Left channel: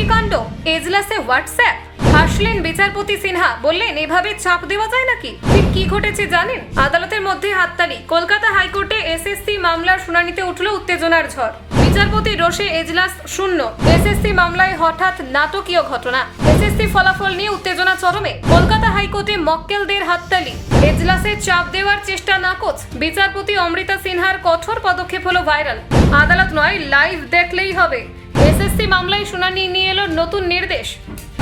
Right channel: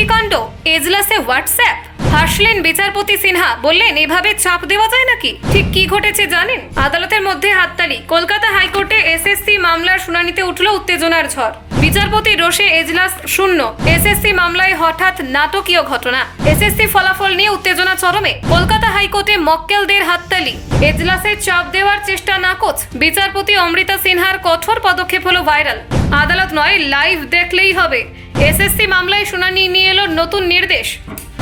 কি কাণ্ড? এজলাসে হোয়াটসঅ্যাপ? হাসলেন বিচারপতি সিনহা, বললেন, এভাবে চাপ দেওয়া যায় নাকি? ঠিক কি ঘটেছে জানেন? আদালতের মধ্যে হাততালি। কলকাতা হাইকোর্টে এসএসসি মামলার শুনানিতে উঠল উত্তেজনার ঝড়। বিচারপতি রোষে এজলাস শূন্য। এসএসসি মামলায় হঠাৎ নাটকীয় ঘটনা। এসএসসি ফলাফল নিয়ে উত্তেজনা চরমে। কলকাতা হাইকোর্টে মক্কেলদের হাততালি। এজলাসে চাপ দেওয়ার চেষ্টা নাকচ। বিচারপতি অমৃতা সিনহার কঠোর পদক্ষেপ হলো ভাইরাল। আদালত নয়, লাইভ দেখলেই হবে। এসএসসি মামলায় শুনানি নিয়ে এলো নতুন নির্দেশ।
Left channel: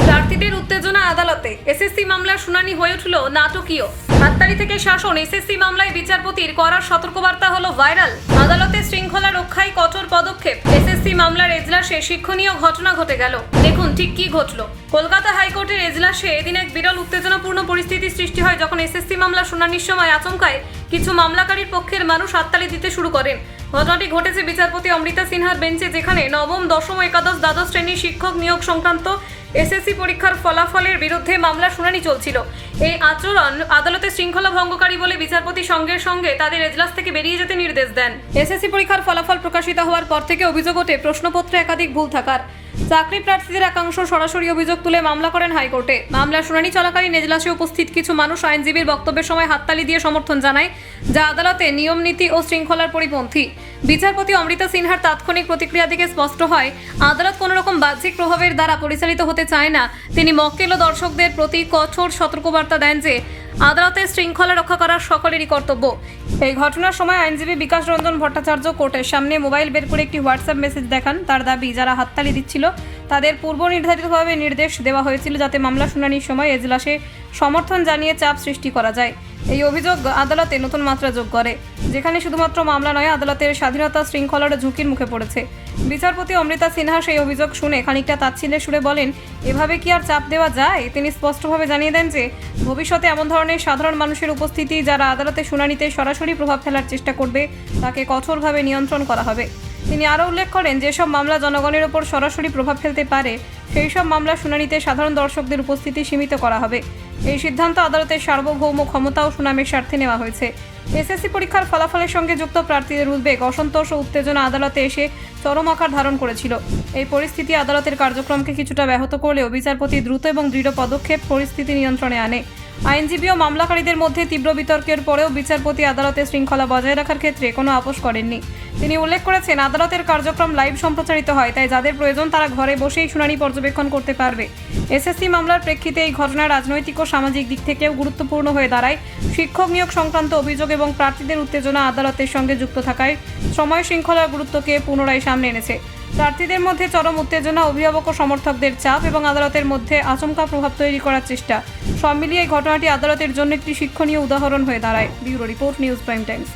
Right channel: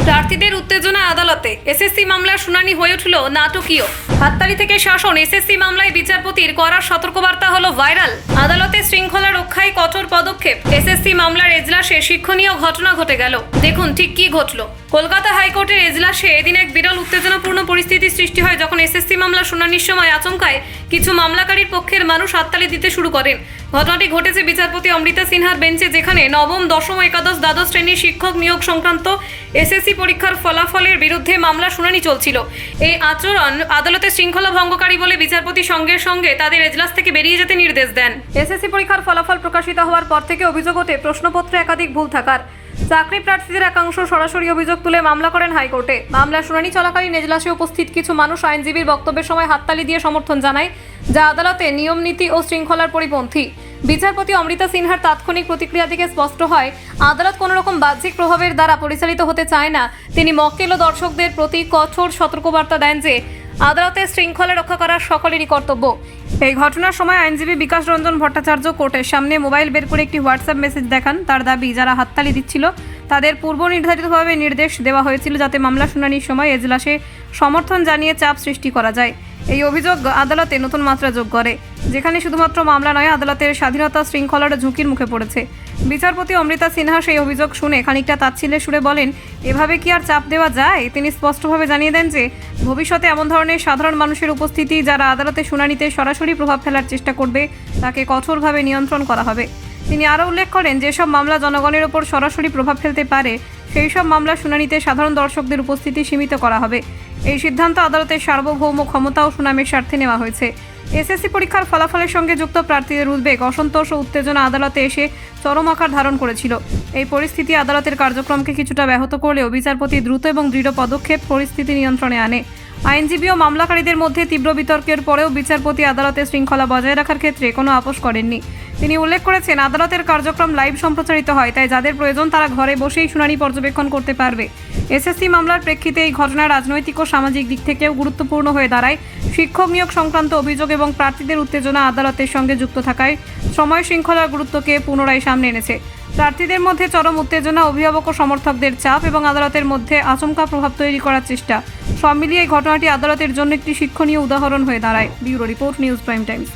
প্রার্থীদের উত্তেজনা আদালতে। এসএসসি মামলার শুনানি হয়ে উঠল নাটকীয়। হাততালি থেকে শাসন, এসএসসি মামলায় বিচারপতির করার সতর্কবার্তা হলো ভাইরাল। আদালতে শৃঙ্খলা রক্ষায় কঠোর পদক্ষেপ। এসএসসি মামলার এজলাসে শিক্ষণীয় ঘটনা ঘটে গেল। দেখুন ঠিক কি ঘটল। কলকাতা হাইকোর্টের এজলাসে এদিন এক বিরল উত্তেজনাপূর্ণ পরিস্থিতির সৃষ্টি হয় যখন এসএসসি মামলা শুনানির সময় আচমকায় কিছু মামলাকারীর পক্ষের মানুষ হাততালি দিতে শুরু করেন। ঘটনাটি ঘটেছে বিচারপতি অমৃতা সিনহার বেঞ্চে, যেখানে নবম, দশম একাদশ দ্বাদশ শ্রেণির শিক্ষক নিয়োগ সংক্রান্ত এসএসসি পরীক্ষার ফলাফলের বিরুদ্ধে মামলা শুনানি চলছিল। এই আচরণ আদালতের শৃঙ্খলা ভঙ্গকারী বলে বিচারপতি সঙ্গে সঙ্গে তাদের এজলাস থেকে বেরিয়ে যেতে নির্দেশ দেন। এসএসসি পরীক্ষার ফলাফল প্রকাশিত হওয়ার পর থেকে অভিযোগ ওঠে, প্রশ্নপত্রে একাধিক ভুল থাকার। চাকরি প্রার্থীদের একাংশ সরাসরি অভিযোগ তুলে মামলা করেন হাইকোর্টে। মামলা শুনানি চলাকালীন এজলাসে উপস্থিত কিছু মানুষ আইনজীবীর বক্তব্যের সময় হাততালি দিয়ে সমর্থন জানায়, যা আদালতে নিয়ম নীতি ও শৃঙ্খলার পরিপন্থী। বিচারপতি অমৃতা সিনহার তাৎক্ষণিক প্রতিক্রিয়া থেকে স্পষ্ট হয়, আদালত কোনো রকম বাহ্যিক প্রভাবের দ্বারা পরিচালিত হতে চায় না। তিনি মক্কেল ও দর্শকদের প্রতি কঠোর সতর্কবার্তা দেন যে আদালতের শৃঙ্খলা রক্ষা করা সকলেরই কর্তব্য। এই ঘটনার সময় আইনজীবী বিকাশ রঞ্জন ভট্টাচার্য কোর্টের সামনে মোবাইল বের করে একটি হোয়াটসঅ্যাপ মেসেজ দেখান। তার দাবি, যারা হাততালি দিচ্ছিল তাদের পূর্ব নির্ধারিতভাবে নির্দেশ দেওয়া হয়েছিল যাতে মামলা শুনানির সময় এজলাসে সমর্থন জানিয়ে চাপ সৃষ্টি করা যায়। এই অভিযোগ আদালতে নতুন মাত্রা যোগ করে, যেখানে শুধুমাত্র মামলা নয়, আদালতের স্বাধীনতা শৃঙ্খলার ঝুঁকির মুখে পড়েছে। বিচারপতি অমৃতা সিনহা সেই অভিযোগ শুনে খানিকটা তাচ্ছিল্যের সুরে বলেন, এভাবে কি আর চাপ দেওয়া যায়? তিনি স্পষ্টভাবে জানিয়ে দেন যে, ভবিষ্যতে এমন ধরনের সাধারণ মানুষের উপস্থিতি যারা আদালতে শুনানিতে সরাসরি প্রভাব ফেলার চেষ্টা করবে, তাকে কঠোরভাবে নিয়ন্ত্রণ করা হবে। তিনি আরও উল্লেখ করেন, যেসব মামলা জনগণের ওপর সরাসরি প্রভাব ফেলতে পারে সেই সব মামলা শুনানিতে সাধারণ দর্শকদের উপস্থিতি সীমিত করা হবে। এই সিদ্ধান্ত আদালতের সার্বভৌম ক্ষমতা ও সুনামের স্বার্থে নেওয়া হয়েছে। এসএসসি পরীক্ষার ফলাফলের সঙ্গে যুক্ত প্রার্থীদের উদ্বেগ, অসন্তোষ ও উত্তেজনা আদালতে এসে চরম আকার ধারণ করেছিল। এই পরিস্থিতি আদালতের কার্যক্রমকে কিছুটা ব্যাহত করলেও বিচারপতি দ্রুত এবং দৃঢ় পদক্ষেপ পরিস্থিতি নিয়ন্ত্রণে আনে। আইনজীবী ও মামলাকারীদের মধ্যে তীব্র বিতর্কের পরেও বিচারপতি আদালতের শৃঙ্খলা বজায় রাখার ক্ষেত্রে কোনো আপোষ করেননি। তিনি উল্লেখ করেছেন, আদালতের কার্যক্রম লাইভ সম্প্রচারিত হয়, তাই যাদের প্রয়োজন তারা ঘরে বসেই শুনানি পর্যবেক্ষণ করতে পারবে। এসএসসি মামলার প্রেক্ষিতে এই ঘটনা রাজনৈতিক ও সামাজিক দিক থেকেও গুরুত্বপূর্ণ হয়ে দাঁড়ায়। শিক্ষক নিয়োগ সংক্রান্ত অভিযোগ এবং প্রার্থীদের উত্তেজনা আদালতের সঙ্গে যুক্ত থাকায় সময় শৃঙ্খলার গুরুত্বকে পুনরায় সামনে এনেছে। প্রার্থীদের মধ্যে চরম উত্তেজনা, অভিভাবক ও সমর্থকদের চাপ এবং আদালতের মধ্যে আচমকা প্রভাব তৈরি করার চেষ্টা। সব মিলিয়ে ঘটনাটি আদালতের জন্য একটি শিক্ষণীয় উদাহরণ হয়ে দাঁড়ায়। Bureau report, news prime times.